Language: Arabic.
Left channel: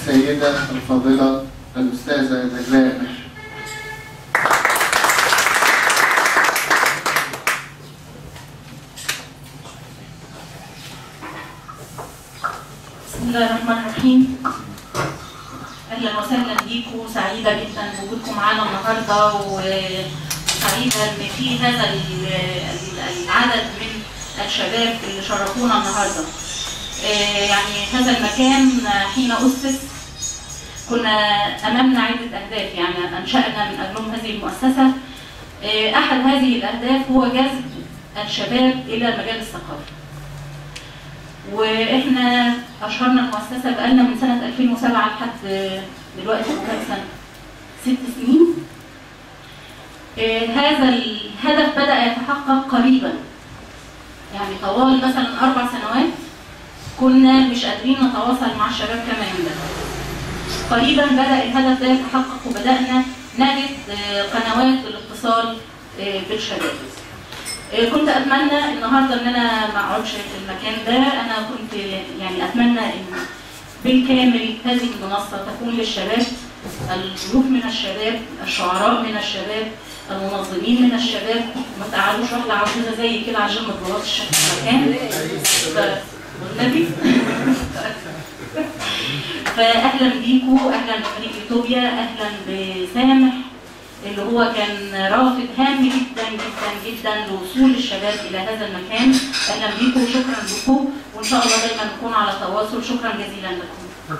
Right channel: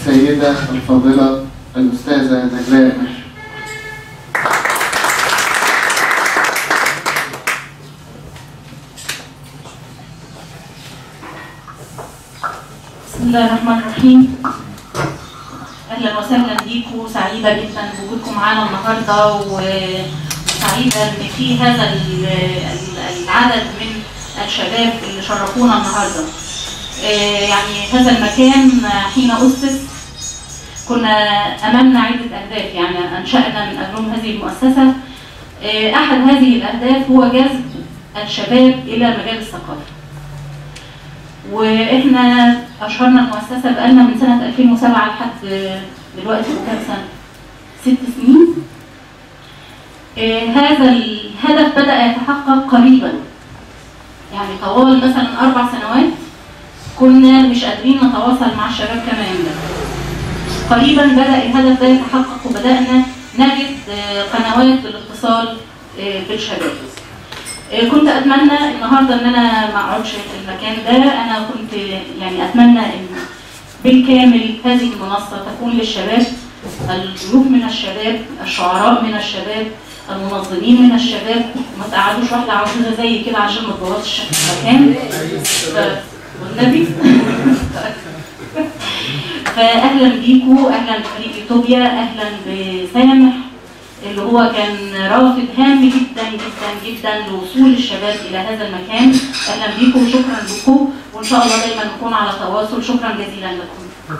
السيدة الفاضلة الأستاذة نجلاء ماهر. بسم الله الرحمن الرحيم. اهلا وسهلا بيكم، سعيده جدا بوجودكم معانا النهارده، وسعيده ان في هذا العدد من الشباب اللي شرفونا النهارده. يعني هذا المكان حين اسس كنا امامنا عده اهداف، يعني انشانا من اجلهم هذه المؤسسه. احد هذه الاهداف هو جذب الشباب الى مجال الثقافه. واحنا اشهرنا المؤسسه بقالنا من سنه 2007 لحد دلوقتي كام سنه؟ 6 سنين. هذا الهدف بدأ يتحقق قريبا، يعني طوال مثلا 4 سنوات كنا مش قادرين نتواصل مع الشباب كما ينبغي. قريبا بدأ الهدف ده يتحقق وبدأنا نجد قنوات للاتصال بالشباب. كنت اتمنى النهارده ان انا ما اقعدش في المكان ده، انا كنت يعني اتمنى ان بالكامل هذه المنصه تكون للشباب، الضيوف من الشباب، الشعراء من الشباب، المنظمين من الشباب، وما تقعدوش واحده عجوزه زي كده عشان ما تبوظش المكان والنبي. فاهلا بيكم، اهلا بفريق يوتوبيا، اهلا بسامح اللي هو كان رافد هام جدا جدا جدا لوصول الشباب الى هذا المكان. اهلا بيكم وشكرا لكم، وان شاء الله دايما نكون على تواصل. شكرا جزيلا لكم.